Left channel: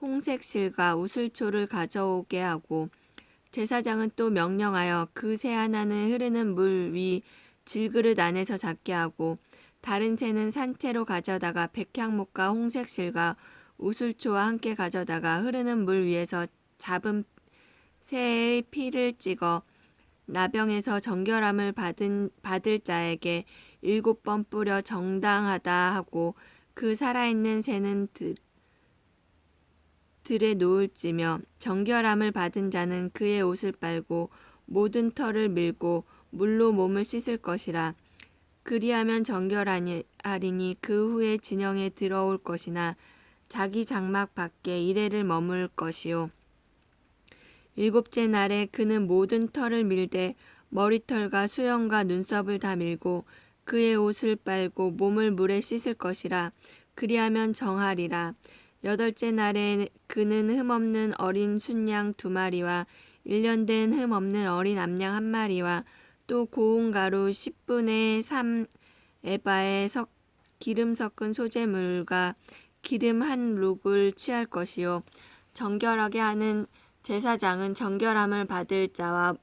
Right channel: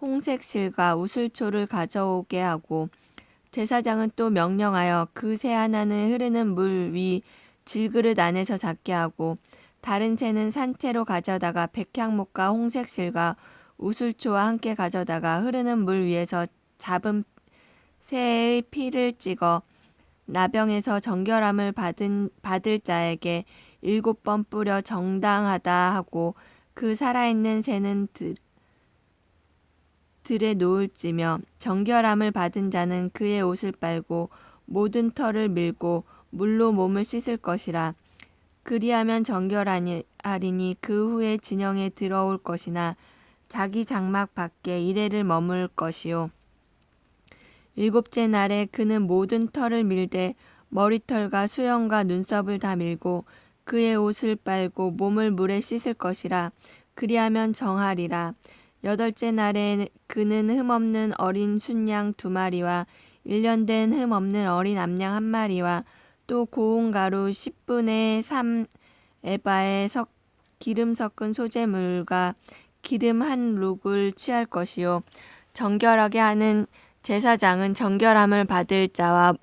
홍색 실과 우슬초를 가져오게 하고 제사장은 또 명령하여 그 새 하나는 흐르는 물 위 질그릇 안에서 잡게 하고 다른 새는 산채로 가져다가 백향목과 홍색 실과 우슬초와 함께 가져다가 흐르는 물 위에서 잡은 새의 피를 찍어 나병에서 정결함을 받은 받을 자에게 일곱 번 뿌려 정당하다 하고 그 살아있는 새는 들, 들에 놓을지며 정결함을 받은 자는 그의 옷을 빨고 모든 털을 밀고 물로 몸을 씻을 것이라. 그리하면 정결하리니 그 후에 진영에 들어올 것이나 자기 장막 밖에 이래를 머물 것이요. 일곱째 날에 그는 모든 털을 밀되 머리털과 수염과 눈썹을 다 밀고 그의 옷을 빨고 몸을 물에 씻을 것이라. 그리하면 정하리라 여덟째 날에 그는 흠없는 어린 순양 두 마리와 일년 된 흠없는 어린 암양 한 마리와 또 고운 가루 10분의 3 에바의 석, 기름 섞은 소재물과 기름 한 룩을 취할 것이요. 정결하게 하는 제사장은 정결함을 받을 자와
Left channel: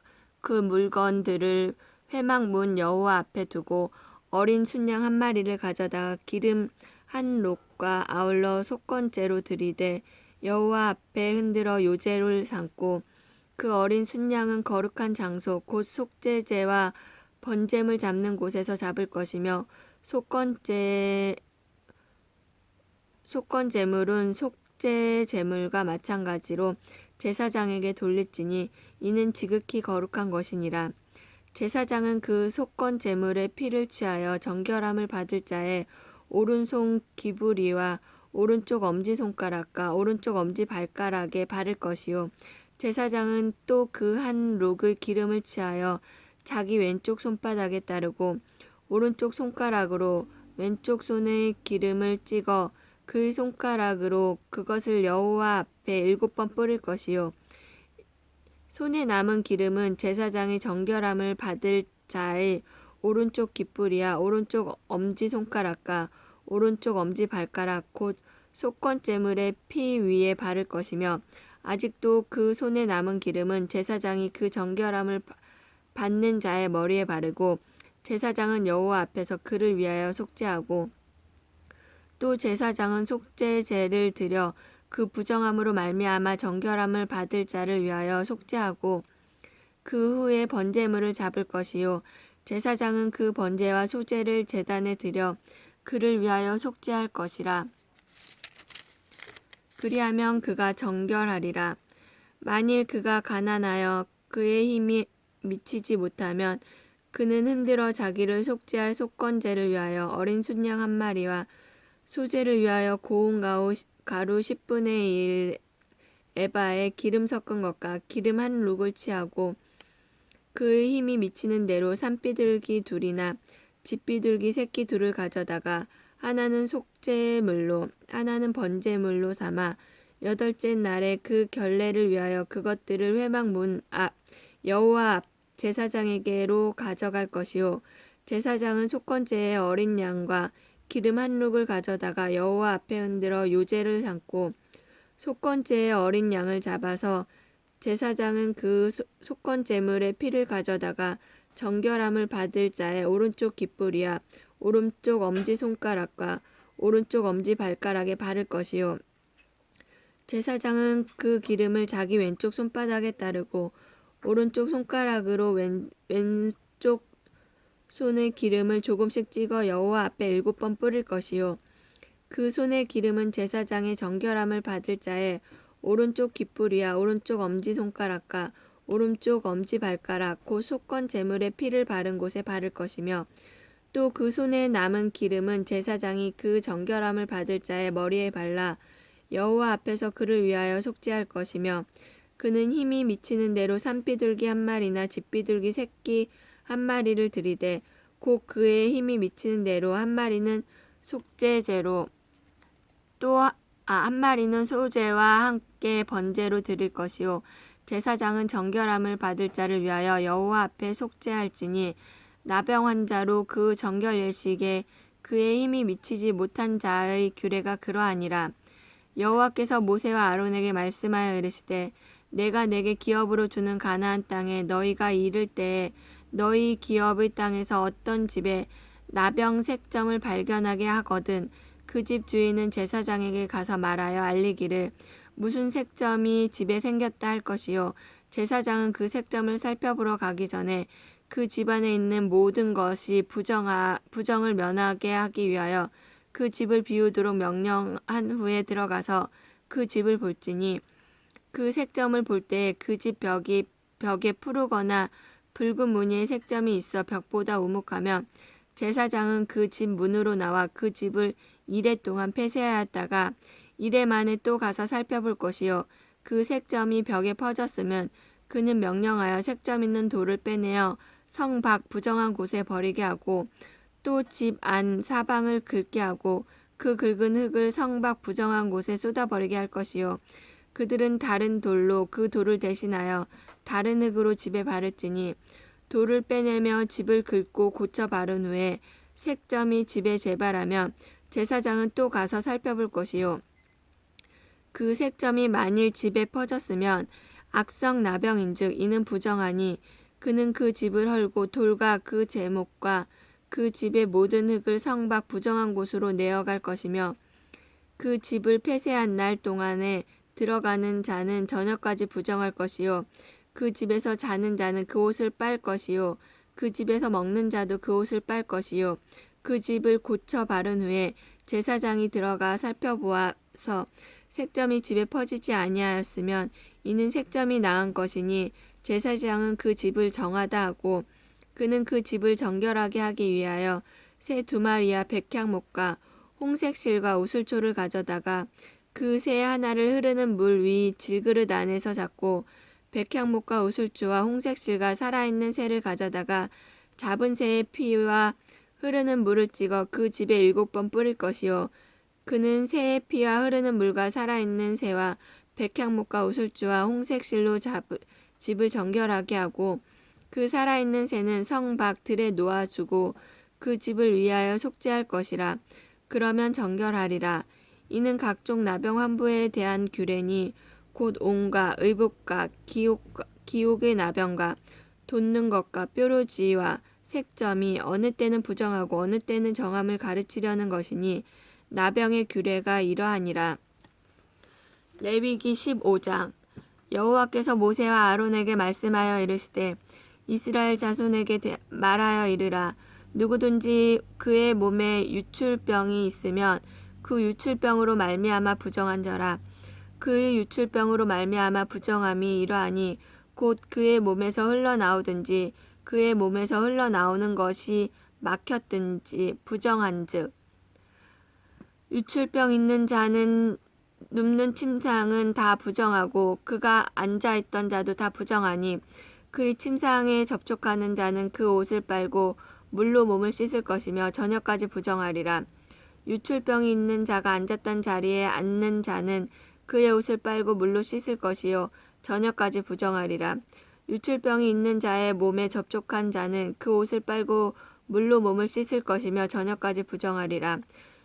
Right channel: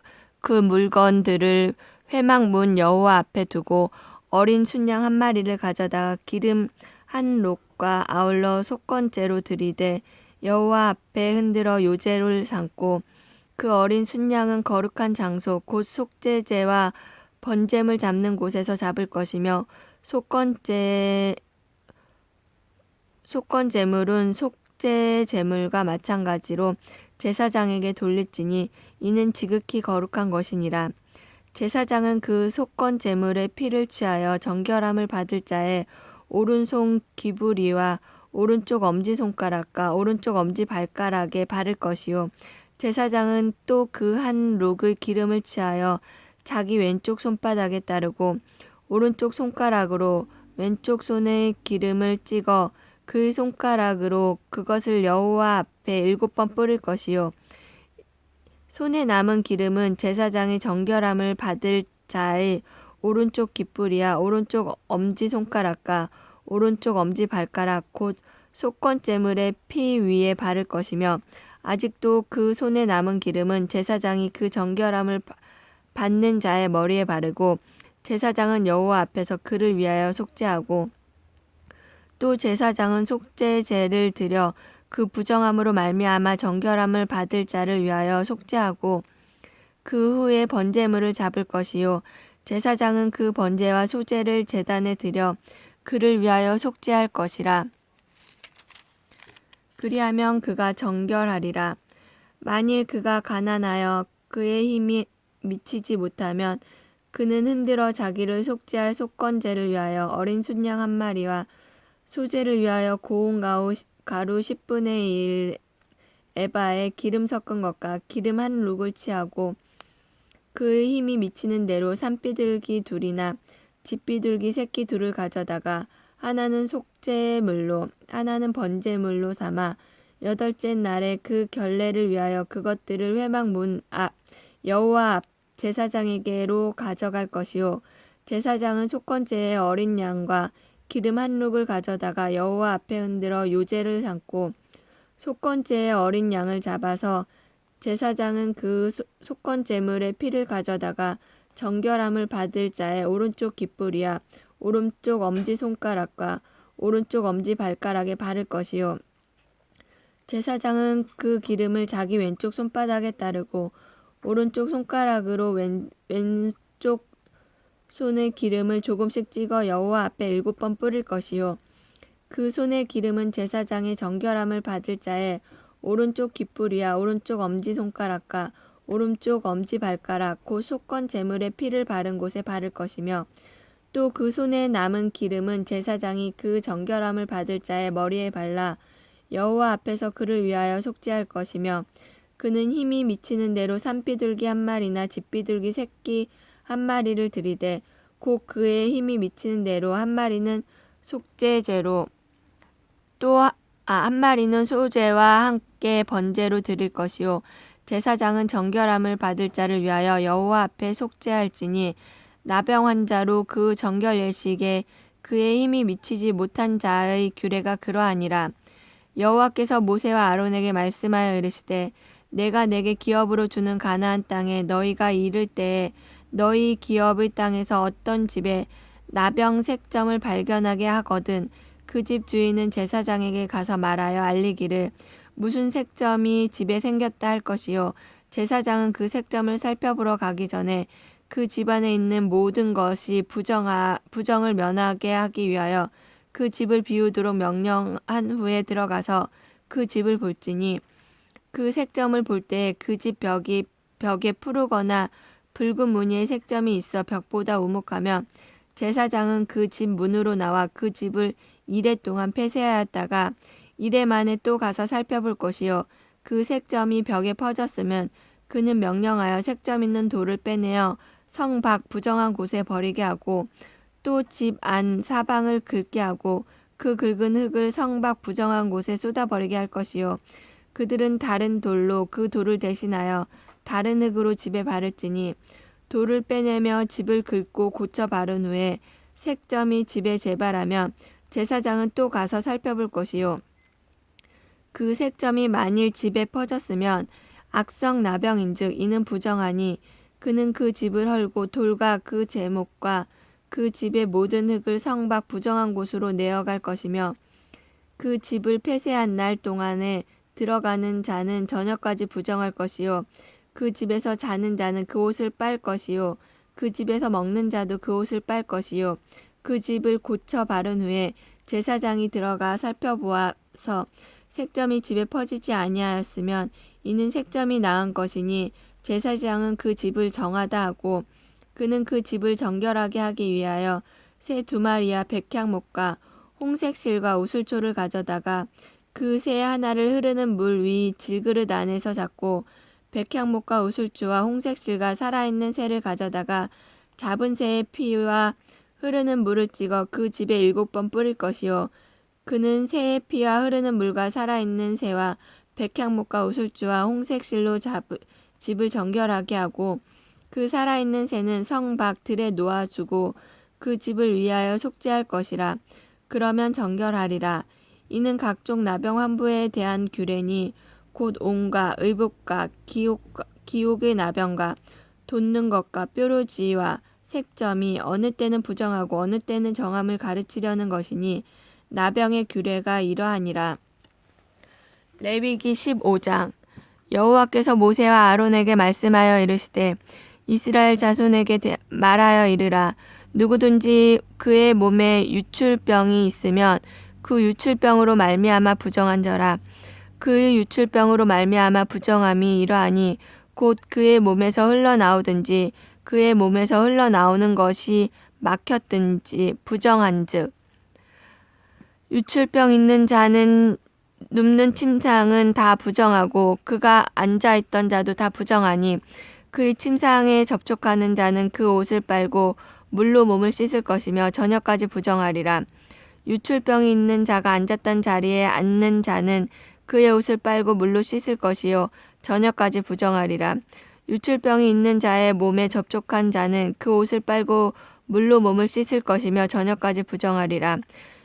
그 물건들을 회막 문 여호와 앞에 두고 어린 순양 한 마리를 가져다가 기름 한 록 과 아울러 속건제로 들이되 여호와 앞에 흔들어 요제를 삼고 그 어린 순양은 거룩한 장소 곧 속죄제와 번제물 잡는 곳에서 잡을 것이며 속건제 속건제물은 속죄제물과 마찬가지로 제사장에게 돌릴지니 이는 지극히 거룩한 것이니라. 제사장은 그 속건제물의 피를 취하여 정결함을 받을 자의 오른손 기부리와 오른쪽 엄지손가락과 오른쪽 엄지발가락에 바를 것이요. 제사장은 또 그 한 록의 기름을 취하여 자기 왼쪽 손바닥에 따르고 오른쪽 손가락으로 왼쪽 손에 기름을 찍어 그 손가락으로 그것을 여호와 앞에 일곱 번 뿌릴 것이요. 손에 남은 기름은 제사장의 정결함을 받을 자의 오른쪽 깃불이야 오른쪽 엄지 손가락과 오른쪽 엄지 발가락 곧 속건제물의 피 위에 바를 것이며 아직도 그 손에 남은 기름은 제사장이 그 정결함을 받는 자의 머리에 바르고 제사장은 여호와 앞에서 그를 위하여 속죄하고 또 제사장은 속죄제를 드려 그 부정함으로 말미암아 정결함을 받을 자를 위하여 속죄하고 그 후에 번제물을 잡을 것이요. 제사장은 그 번제와 소제를 제단에 드려 그를 위하여 속죄할 것이라. 그리하면 그가 정결하리라. 만일 그가 가난하여 그의 힘이 미치지 못하면 그는 흔들어 자기를 속죄할 속건제를 위하여 어린 순양 한 마리와 소제를 위하여 고운 가루 10분의 1 에바에 기름 섞은 것과 기름 한 룩을 취하고 그의 힘이 미치는 대로 산비둘기 둘이나 집비둘기 새끼 둘을 가져다가 하나는 속죄물로 하나는 번제물로 삼아 여덟째 날에 그 결례를 위하여 그것들을 회막 문 앞 여호와 앞 제사장에게로 가져갈 것이요. 제사장은 속건제의 어린 양과 기름 한 룩을 가져다가 여호와 앞에 흔들어 요제를 삼고 속건제의 어린 양을 잡아서 제사장은 그 속건 제물의 피를 가져다가 정결함을 받을 자의 오른쪽 깃불이야. 오른쪽 엄지 손가락과 오른쪽 엄지 발가락에 바를 것이요. 제사장은 그 기름을 자기 왼쪽 손바닥에 따르고 오른쪽 손가락으로 왼, 왼쪽 손에 기름을 조금씩 찍어 여호와 앞에 일곱 번 뿌릴 것이요. 그 손의 기름은 제사장의 정결함을 받을 자의 오른쪽 깃불이야. 오른쪽 엄지 손가락과 오른쪽 엄지발가락 곧 속건 제물의 피를 바른 곳에 바를 것이며 또 그 손에 남은 기름은 제사장이 그 정결함을 받을 자의 머리에 발라 여호와 앞에서 그를 위하여 속죄할 것이며 그는 힘이 미치는 대로 산비둘기 한 마리나 집비둘기 새끼 한 마리를 들이되 곧 그의 힘이 미치는 대로 한 마리는 속죄제로 또 아, 한 마리는 소제와 함께 번제로 드릴 것이요 제사장은 정결함을 받을 자를 위하여 여호와 앞에 속죄할지니 나병 환자로 그 정결 예식에 그의 힘이 미치지 못한 자의 규례가 그러하니라. 여호와께서 모세와 아론에게 말씀하여 이르시되 내가 내게 기업으로 주는 가나안 땅에 너희가 이를 때에 너희 기업의 땅에서 어떤 집에 나병 색점을 발견하게 하거든 그 집 주인은 제사장에게 가서 말하여 알리기를 무슨 색점이 집에 생겼다 할 것이요. 제사장은 그 색점을 살펴보러 가기 전에 그 집안에 있는 모든 것이 부정하, 부정을 면하게 하기 위하여 그 집을 비우도록 명령한 후에 들어가서 그 집을 볼지니 그 색점을 볼 때 그 집 벽이 벽에 푸르거나 붉은 무늬의 색점이 있어 벽보다 우묵하면 제사장은 그 집 문으로 나와 그 집을 이래 동안 폐쇄하였다가 이래 만에 또 가서 살펴볼 것이요. 그 색점이 벽에 퍼졌으면 그는 명령하여 색점 있는 돌을 빼내어 성 밖 부정한 곳에 버리게 하고 또 집 안 사방을 긁게 하고 그 긁은 흙을 성 밖 부정한 곳에 쏟아버리게 할 것이요. 그들은 다른 돌로 그 돌을 대신하여 다른 흙으로 집에 바를지니 돌을 빼내며 집을 긁고 고쳐 바른 후에 색점이 집에 재발하면 제사장은 또 가서 살펴볼 것이요 그 색점이 만일 집에 퍼졌으면 악성 나병인즉 이는 부정하니 그는 그 집을 헐고 돌과 그 제목과 그 집의 모든 흙을 성밖 부정한 곳으로 내어갈 것이며 그 집을 폐쇄한 날 동안에 들어가는 자는 저녁까지 부정할 것이요. 그 집에서 자는 자는 그 옷을 빨 것이요. 그 집에서 먹는 자도 그 옷을 빨 것이요. 그 집을 고쳐 바른 후에 제사장이 들어가 살펴보아서 색점이 집에 퍼지지 아니하였으면 이는 색점이 나은 것이니 제사장은 그 집을 정하다 하고 그는 그 집을 정결하게 하기 위하여 새 두 마리와 백향목과 홍색 실과 우슬초를 가져다가 그 새 하나를 흐르는 물 위 질그릇 안에서 잡고 백향목과 우슬초와 홍색 실과 살아있는 새를 가져다가 잡은 새의 피와 흐르는 물을 찍어 그 집에 일곱 번 뿌릴 것이요 그는 새의 피와 흐르는 물과 살아있는 새와 백향목과 우슬주와 홍색실로 잡, 집을 정결하게 하고 그 살아있는 새는 성 밖 들에 놓아주고 그 집을 위하여 속죄할 것이라. 그러면 정결하리라. 이는 각종 나병 환부에 대한 규례니 곧 온과 의복과 기옥, 기옥의 나병과 돋는 것과 뾰루지와 색점이 어느 때는 부정하고 어느 때는 정함을 가르치려는 것이니 나병의 규례가 이러하니라. 레위기 15장. 여호와께서 모세와 아론에게 말씀하여 이르시되 이스라엘 자손에게 말하여 이르라. 누구든지 그의 몸에 유출병이 있으면 그 유출병으로 말미암아 부정한 자라. 그의 유출병으로 말미암아 부정함이 이러하니 곧 그의 몸에서 흘러나오든지 그의 몸에서 흘러나오는 것이 막혔든지 부정한즉 유출병 있는 자는 눕는 침상은 다 부정하고 그가 앉아 있던 자도 다 부정하니 그의 침상에 접촉하는 자는 그 옷을 빨고 물로 몸을 씻을 것이며 저녁까지 부정하리라. 유출병이 있는 자가 앉았던 자리에 앉는 자는 그의 옷을 빨고 물로 씻을 것이요 저녁까지 부정하리라. 유출병이 있는 자의 몸에 접촉한 자는 그 옷을 빨고 물로 몸을 씻을 것이며 저녁까지 부정하리라.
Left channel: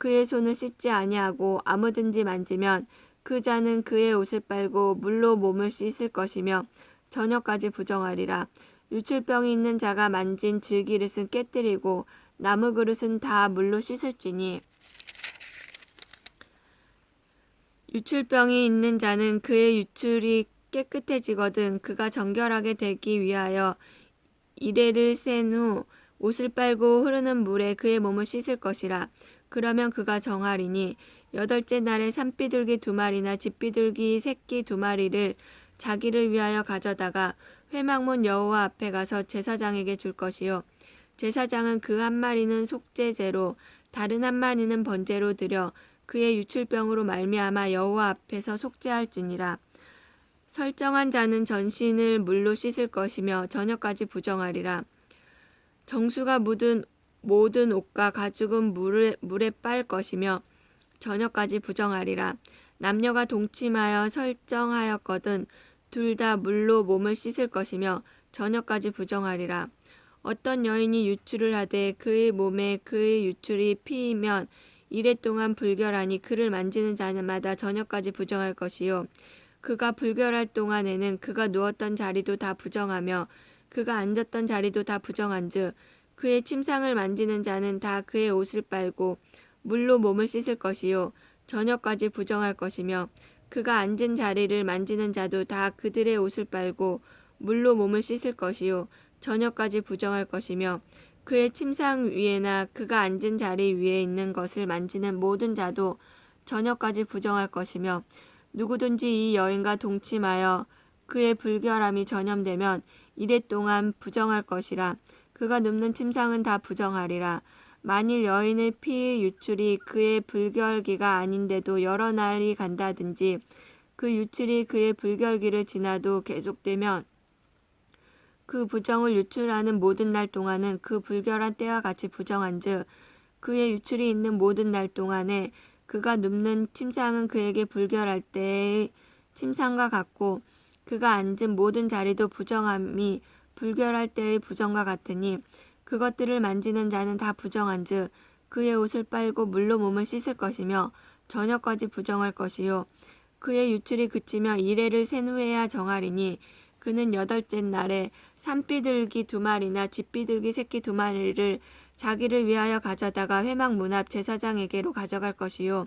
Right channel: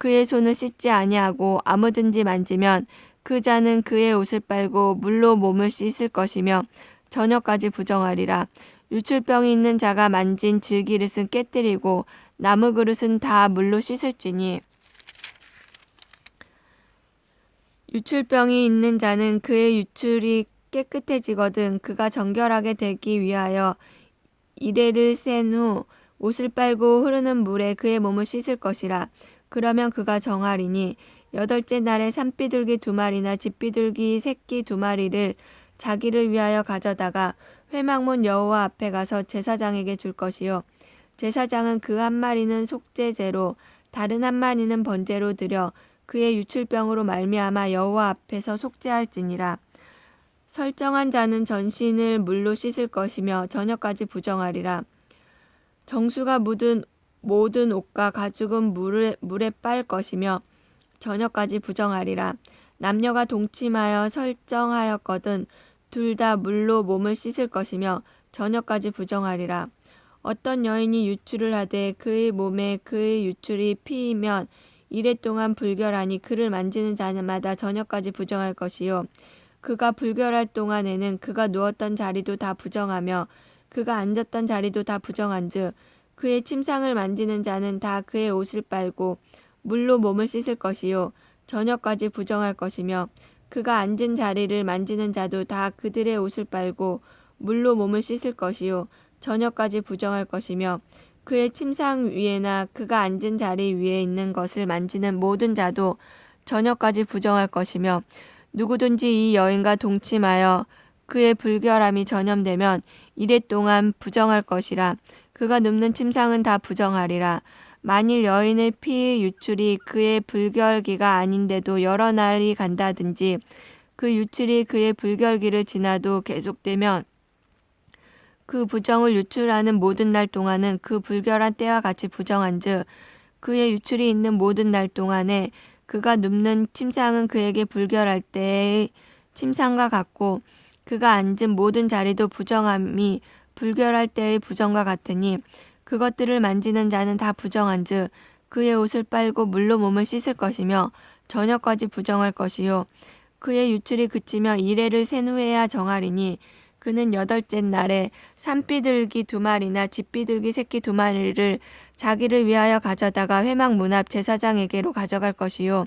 그의 손을 씻지 아니하고 아무든지 만지면 그 자는 그의 옷을 빨고 물로 몸을 씻을 것이며 저녁까지 부정하리라. 유출병이 있는 자가 만진 질기릇은 깨뜨리고 나무 그릇은 다 물로 씻을지니 유출병이 있는 자는 그의 유출이 깨끗해지거든 그가 정결하게 되기 위하여 이레를 센 후 옷을 빨고 흐르는 물에 그의 몸을 씻을 것이라 그러면 그가 정하리니 여덟째 날에 산비둘기 두 마리나 집비둘기 새끼 두 마리를 자기를 위하여 가져다가 회막문 여호와 앞에 가서 제사장에게 줄 것이요. 제사장은 그 한 마리는 속죄제로 다른 한 마리는 번제로 드려 그의 유출병으로 말미암아 여호와 앞에서 속죄할지니라. 설정한 자는 전신을 물로 씻을 것이며 저녁까지 부정하리라. 정수가 묻은 모든 옷과 가죽은 물에, 물에 빨 것이며 저녁까지 부정하리라. 남녀가 동침하여 설정하였거든 둘 다 물로 몸을 씻을 것이며 저녁까지 부정하리라. 어떤 여인이 유출을 하되 그의 몸에 그의 유출이 피이면 이래 동안 불결하니 그를 만지는 자마다 저녁까지 부정할 것이요. 그가 불결할 동안에는 그가 누웠던 자리도 다 부정하며 그가 앉았던 자리도 다 부정한즉 그의 침상을 만지는 자는 다 그의 옷을 빨고 물로 몸을 씻을 것이요. 저녁까지 부정할 것이며 그가 앉은 자리를 만지는 자도 다 그들의 옷을 빨고 물로 몸을 씻을 것이요. 저녁까지 부정할 것이며 그의 침상 위에나 그가 앉은 자리 위에 있는 것을 만지는 모든 자도 저녁까지 부정할 것이며 누구든지 이 여인과 동침하여 그의 불결함이 전염되면 이래 동안 부정할 것이라 그가 눕는 침상은 다 부정하리라. 만일 여인의 피 유출이 그의 불결기가 아닌데도 여러 날이 간다든지 그 유출이 그의 불결기를 지나도 계속되면 그 부정을 유출하는 모든 날 동안은 그 불결한 때와 같이 부정한즉 그의 유출이 있는 모든 날 동안에 그가 눕는 침상은 그에게 불결할 때의 침상과 같고 그가 앉은 모든 자리도 부정함이 불결할 때의 부정과 같으니 그것들을 만지는 자는 다 부정한즉 그의 옷을 빨고 물로 몸을 씻을 것이며 저녁까지 부정할 것이요. 그의 유출이 그치며 이래를 센 후에야 정하리니 그는 여덟째 날에 산비둘기 두 마리나 집비둘기 새끼 두 마리를 자기를 위하여 가져다가 회막 문 앞 제사장에게로 가져갈 것이요.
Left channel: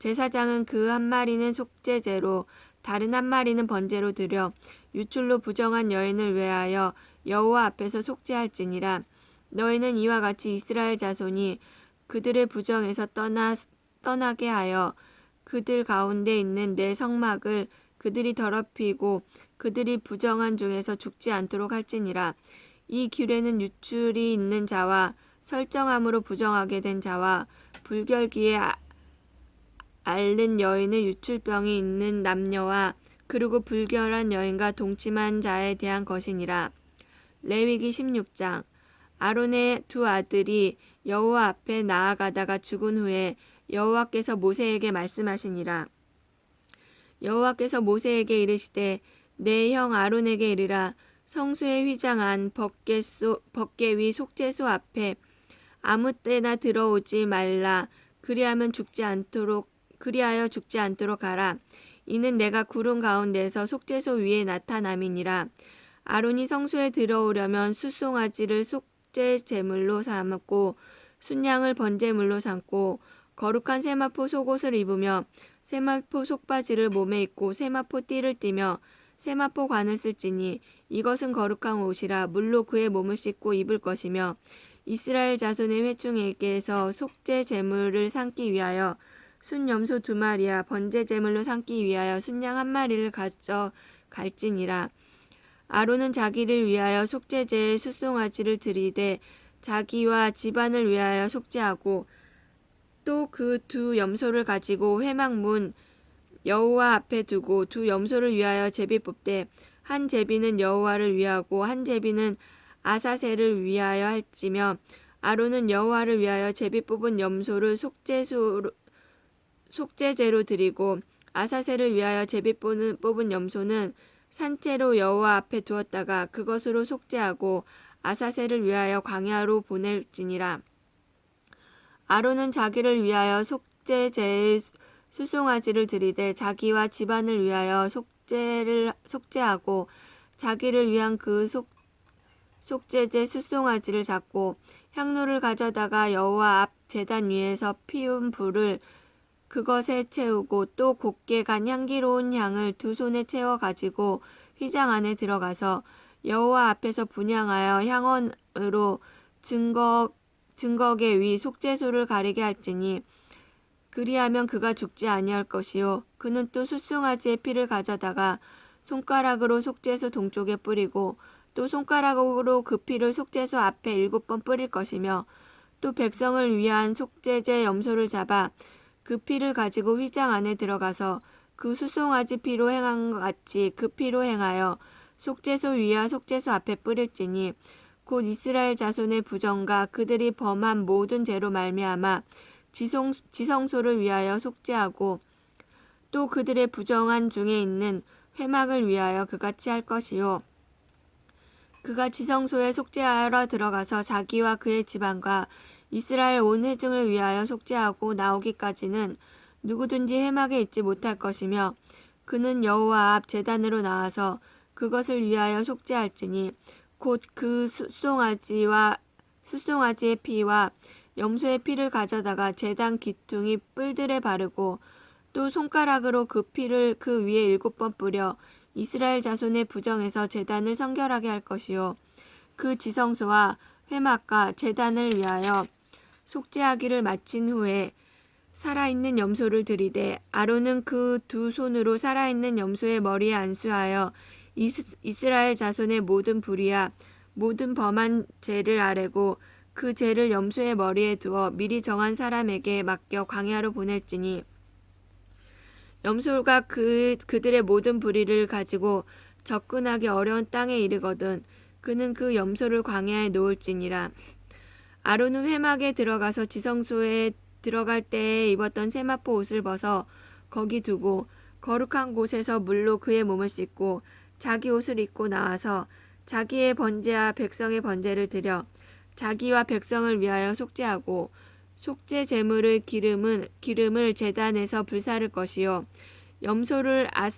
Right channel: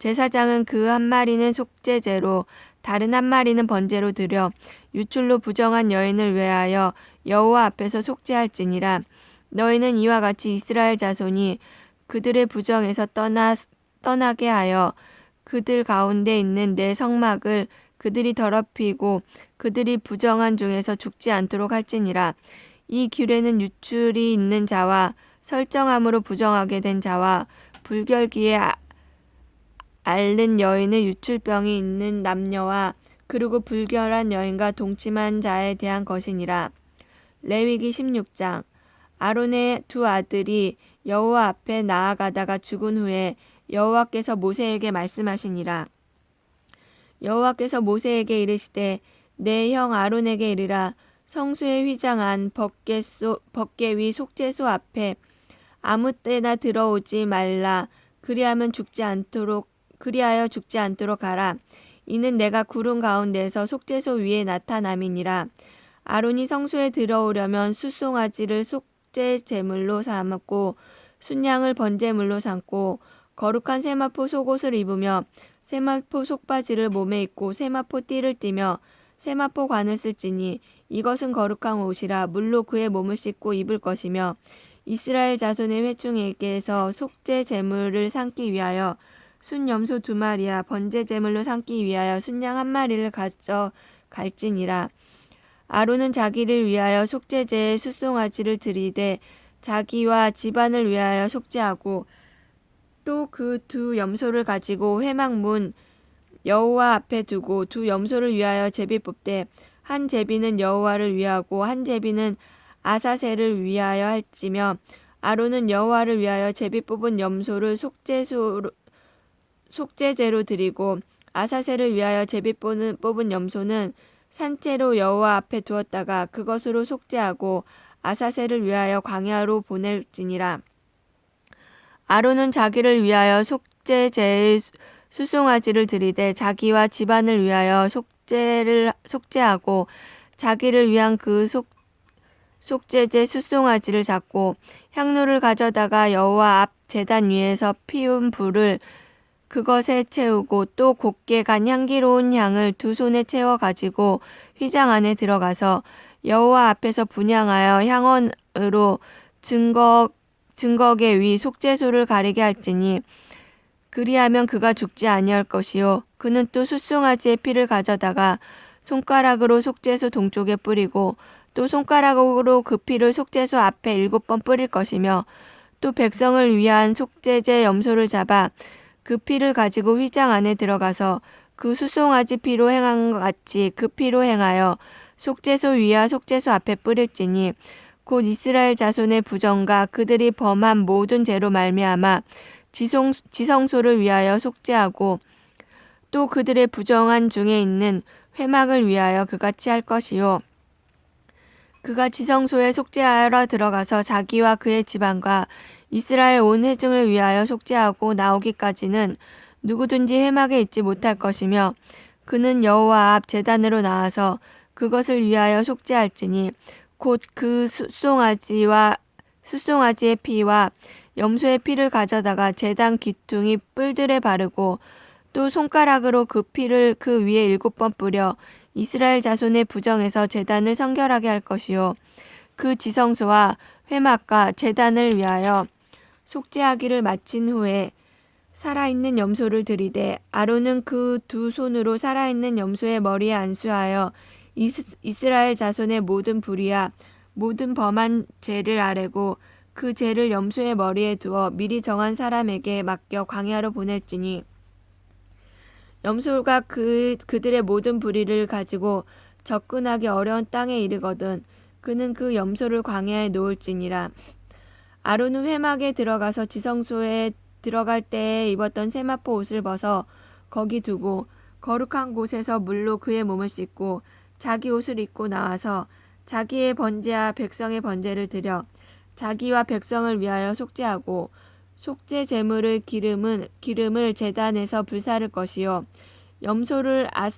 제사장은 그 한 마리는 속죄제로 다른 한 마리는 번제로 드려 유출로 부정한 여인을 위하여 여호와 앞에서 속죄할지니라. 너희는 이와 같이 이스라엘 자손이 그들의 부정에서 떠나 떠나게 하여 그들 가운데 있는 내 성막을 그들이 더럽히고 그들이 부정한 중에서 죽지 않도록 할지니라. 이 규례는 유출이 있는 자와 설정함으로 부정하게 된 자와 불결기에 아- 앓는 여인의 유출병이 있는 남녀와 그리고 불결한 여인과 동침한 자에 대한 것이니라. 레위기 16장 아론의 두 아들이 여호와 앞에 나아가다가 죽은 후에 여호와께서 모세에게 말씀하시니라. 여호와께서 모세에게 이르시되 내 형 아론에게 이르라 성수에 휘장한 법궤소 법궤 위 속죄소 앞에 아무 때나 들어오지 말라 그리하면 죽지 않도록 그리하여 죽지 않도록 하라. 이는 내가 구름 가운데서 속죄소 위에 나타남이니라. 아론이 성소에 들어오려면 수송아지를 속죄 제물로 삼았고 순양을 번제물로 삼고 거룩한 세마포 속옷을 입으며 세마포 속바지를 몸에 입고 세마포 띠를 띠며 세마포 관을 쓸지니 이것은 거룩한 옷이라 물로 그의 몸을 씻고 입을 것이며 이스라엘 자손의 회중에게서 속죄 제물을 삼기 위하여 순염소 두 마리와 번제 제물로 삼기 위하여 순양 한 마리를 가져 갈지니라. 아론은 자기를 위하여 속죄제에 수송아지를 드리되 자기와 집안을 위하여 속죄하고 또 그 두 염소를 가지고 회막문 여호와 앞에 두고 두 염소를 위하여 제비 뽑되 한 제비는 여호와를 위하고 한 제비는 아사셀을 위하여 할지며 아론은 여호와를 위하여 제비 뽑은 염소를 속죄소로 속죄제로 드리고 아사셀을 위하여 제비 뽑은, 염소는 산채로 여호와 앞에 두었다가 그것으로 속죄하고 아사셀을 위하여 광야로 보낼지니라. 아론은 자기를 위하여 속죄제의 수송아지를 드리되 자기와 집안을 위하여 속죄를 속죄하고 자기를 위한 그 속, 속죄제 수송아지를 잡고 향로를 가져다가 여호와 앞 제단 위에서 피운 불을 그것에 채우고 또 곱게 간 향기로운 향을 두 손에 채워 가지고 휘장 안에 들어가서 여호와 앞에서 분향하여 향원으로 증거 증거계 위 속죄소를 가리게 할지니 그리하면 그가 죽지 아니할 것이요. 그는 또 숫송아지의 피를 가져다가 손가락으로 속죄소 동쪽에 뿌리고 또 손가락으로 그 피를 속죄소 앞에 일곱 번 뿌릴 것이며 또 백성을 위한 속죄제 염소를 잡아 그 피를 가지고 휘장 안에 들어가서 그 수송아지 피로 행한 것 같이 그 피로 행하여 속죄소 위와 속죄소 앞에 뿌릴지니 곧 이스라엘 자손의 부정과 그들이 범한 모든 죄로 말미암아 지성, 지성소를 위하여 속죄하고 또 그들의 부정한 중에 있는 회막을 위하여 그같이 할 것이요. 그가 지성소에 속죄하러 들어가서 자기와 그의 집안과 이스라엘 온 회중을 위하여 속죄하고 나오기까지는 누구든지 회막에 있지 못할 것이며 그는 여호와 앞 제단으로 나와서 그것을 위하여 속죄할지니 곧 그 숫송아지와 숫송아지의 피와 염소의 피를 가져다가 제단 귀퉁이 뿔들에 바르고 또 손가락으로 그 피를 그 위에 일곱 번 뿌려 이스라엘 자손의 부정에서 제단을 성결하게 할 것이요. 그 지성소와 회막과 제단을 위하여 속죄하기를 마친 후에 살아있는 염소를 들이되 아론은 그 두 손으로 살아있는 염소의 머리에 안수하여 이스, 이스라엘 자손의 모든 불의와 모든 범한 죄를 아뢰고 그 죄를 염소의 머리에 두어 미리 정한 사람에게 맡겨 광야로 보낼지니 염소가 그 그들의 모든 불의를 가지고 접근하기 어려운 땅에 이르거든 그는 그 염소를 광야에 놓을지니라 아론은 회막에 들어가서 지성소에 들어갈 때에 입었던 세마포 옷을 벗어 거기 두고 거룩한 곳에서 물로 그의 몸을 씻고 자기 옷을 입고 나와서 자기의 번제와 백성의 번제를 드려 자기와 백성을 위하여 속죄하고 속죄 제물의 기름은 기름을 제단에서 불사를 것이요. 염소를 아,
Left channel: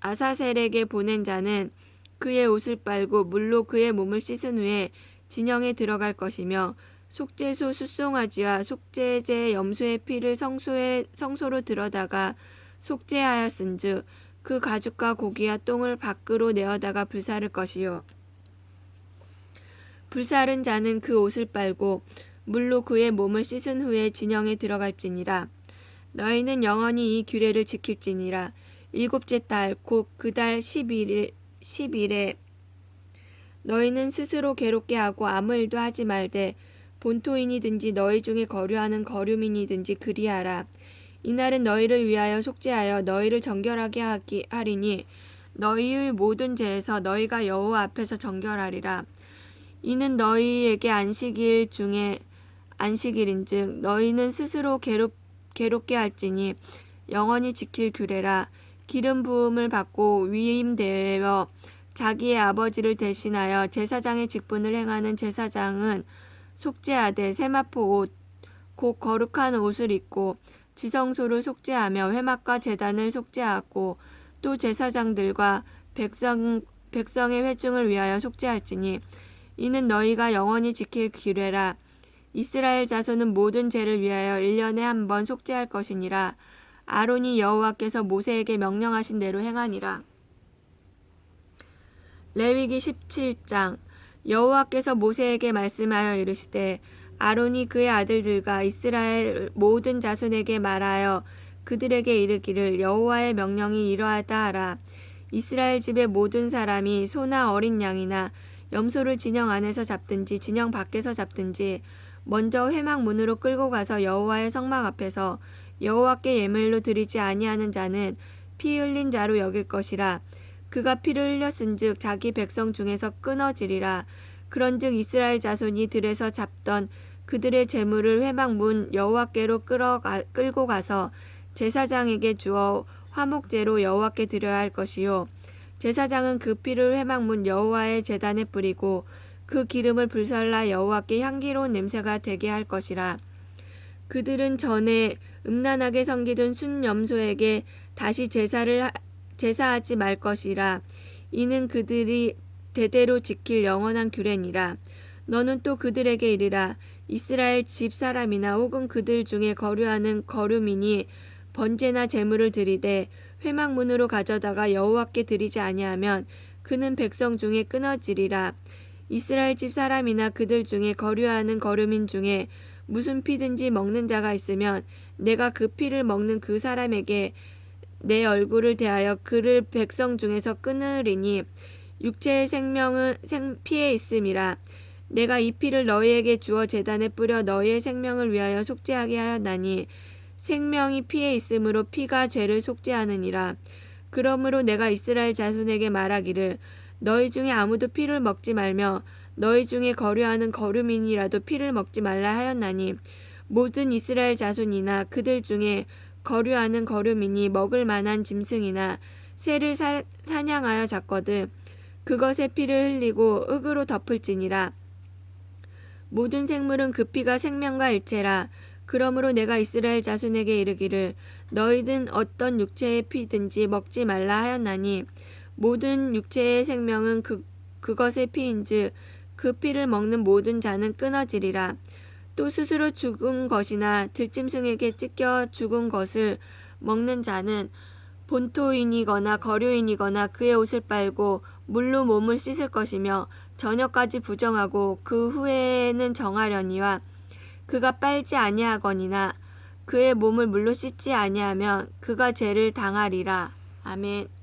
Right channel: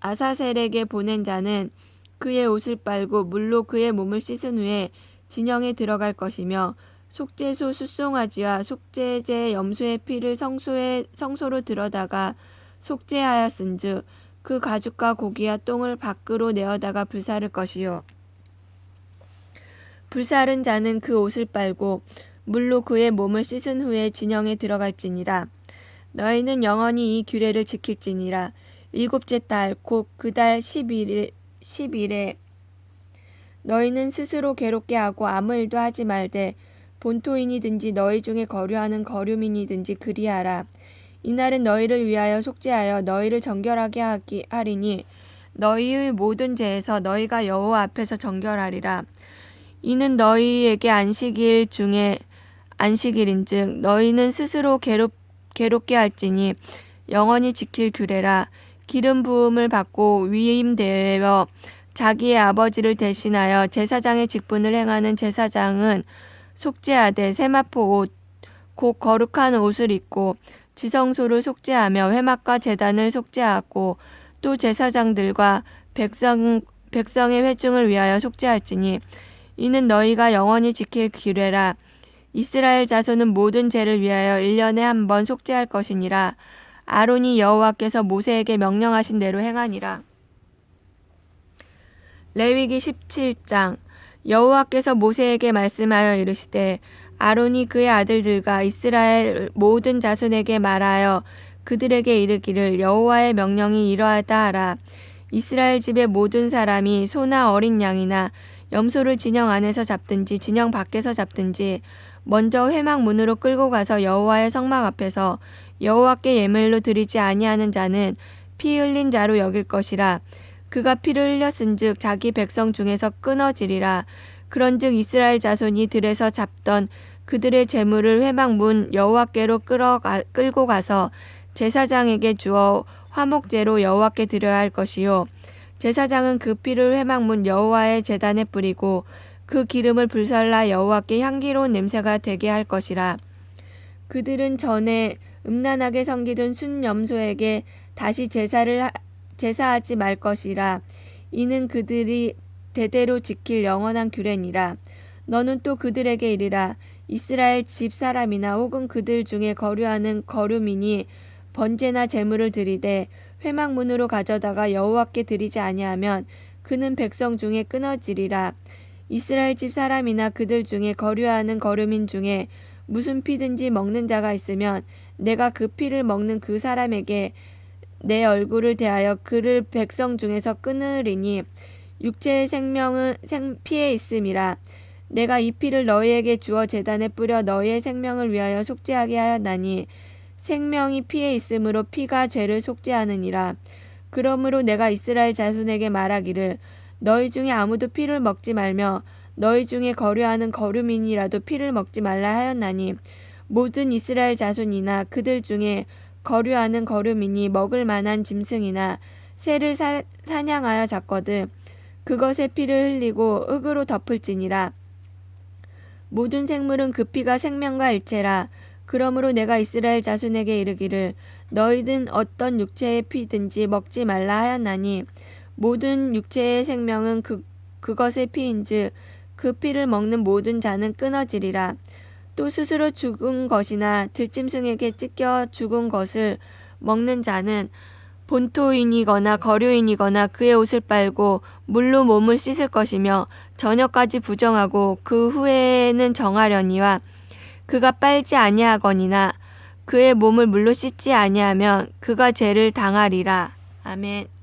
아사셀에게 보낸 자는 그의 옷을 빨고 물로 그의 몸을 씻은 후에 진영에 들어갈 것이며 속죄소 숫송아지와 속죄제 염소의 피를 성소에 성소로 들어다가 속죄하였은즉 그 가죽과 고기와 똥을 밖으로 내어다가 불사를 것이요. 불사른 자는 그 옷을 빨고 물로 그의 몸을 씻은 후에 진영에 들어갈지니라. 너희는 영원히 이 규례를 지킬지니라. 일곱째 달 곧 그달 11일 10일에 너희는 스스로 괴롭게 하고 아무 일도 하지 말되 본토인이든지 너희 중에 거류하는 거류민이든지 그리하라. 이날은 너희를 위하여 속죄하여 너희를 정결하게 하기 하리니 너희의 모든 죄에서 너희가 여호와 앞에서 정결하리라. 이는 너희에게 안식일 중에 안식일인즉 너희는 스스로 괴롭 괴롭게 할지니 영원히 지킬 규례라. 기름 부음을 받고 위임되어 자기의 아버지를 대신하여 제사장의 직분을 행하는 제사장은 속죄하되 세마포 옷, 곧 거룩한 옷을 입고 지성소를 속죄하며 회막과 제단을 속죄하고 또 제사장들과 백성, 백성의 회중을 위하여 속죄할지니 이는 너희가 영원히 지킬 규례라. 이스라엘 자손은 모든 죄를 위하여 1년에 한 번 속죄할 것이니라. 아론이 여호와께서 모세에게 명령하신 대로 행하니라 레위기 17장 여호와께서 모세에게 말씀하여 이르시되 아론이 그의 아들들과 이스라엘 모든 자손에게 말하여 그들에게 이르기를 여호와의 명령이 이러하다 하라. 이스라엘 집의 모든 사람이 소나 어린 양이나 염소를 진영 안에서 잡든지 진영 밖에서 잡든지 먼저 회막 문으로 끌고 가서 여호와의 성막 앞에서 여호와께 예물로 드리지 아니하는 자는 피 흘린 자로 여길 것이라 그가 피를 흘렸은즉 자기 백성 중에서 끊어지리라. 그런즉 이스라엘 자손이 들에서 잡던 그들의 재물을 회막 문 여호와께로 끌어가, 끌고 가서 제사장에게 주어 화목제로 여호와께 드려야 할 것이요. 제사장은 그 피를 회막 문 여호와의 제단에 뿌리고 그 기름을 불살라 여호와께 향기로운 냄새가 되게 할 것이라. 그들은 전에 음란하게 섬기던 순염소에게 다시 제사를 하, 제사하지 말 것이라. 이는 그들이 대대로 지킬 영원한 규례니라. 너는 또 그들에게 이르라. 이스라엘 집 사람이나 혹은 그들 중에 거류하는 거류민이 번제나 제물을 드리되 회막문으로 가져다가 여호와께 드리지 아니하면 그는 백성 중에 끊어지리라. 이스라엘 집 사람이나 그들 중에 거류하는 거류민 중에 무슨 피든지 먹는 자가 있으면 내가 그 피를 먹는 그 사람에게 내 얼굴을 대하여 그를 백성 중에서 끊으리니 육체의 생명은 생 피에 있음이라. 내가 이 피를 너희에게 주어 제단에 뿌려 너희의 생명을 위하여 속죄하게 하였나니 생명이 피에 있으므로 피가 죄를 속죄하느니라. 그러므로 내가 이스라엘 자손에게 말하기를 너희 중에 아무도 피를 먹지 말며 너희 중에 거류하는 거류민이라도 피를 먹지 말라 하였나니 모든 이스라엘 자손이나 그들 중에 거류하는 거류민이 먹을 만한 짐승이나 새를 사, 사냥하여 잡거든. 그것의 피를 흘리고 흙으로 덮을지니라. 모든 생물은 그 피가 생명과 일체라. 그러므로 내가 이스라엘 자손에게 이르기를 너희든 어떤 육체의 피든지 먹지 말라 하였나니 모든 육체의 생명은 그 그것의 피인즉 그 피를 먹는 모든 자는 끊어지리라 또 스스로 죽은 것이나 들짐승에게 찢겨 죽은 것을 먹는 자는 본토인이거나 거류인이거나 그의 옷을 빨고 물로 몸을 씻을 것이며 저녁까지 부정하고 그 후에는 정하려니와 그가 빨지 아니하거니나 그의 몸을 물로 씻지 아니하면 그가 죄를 당하리라. 아멘.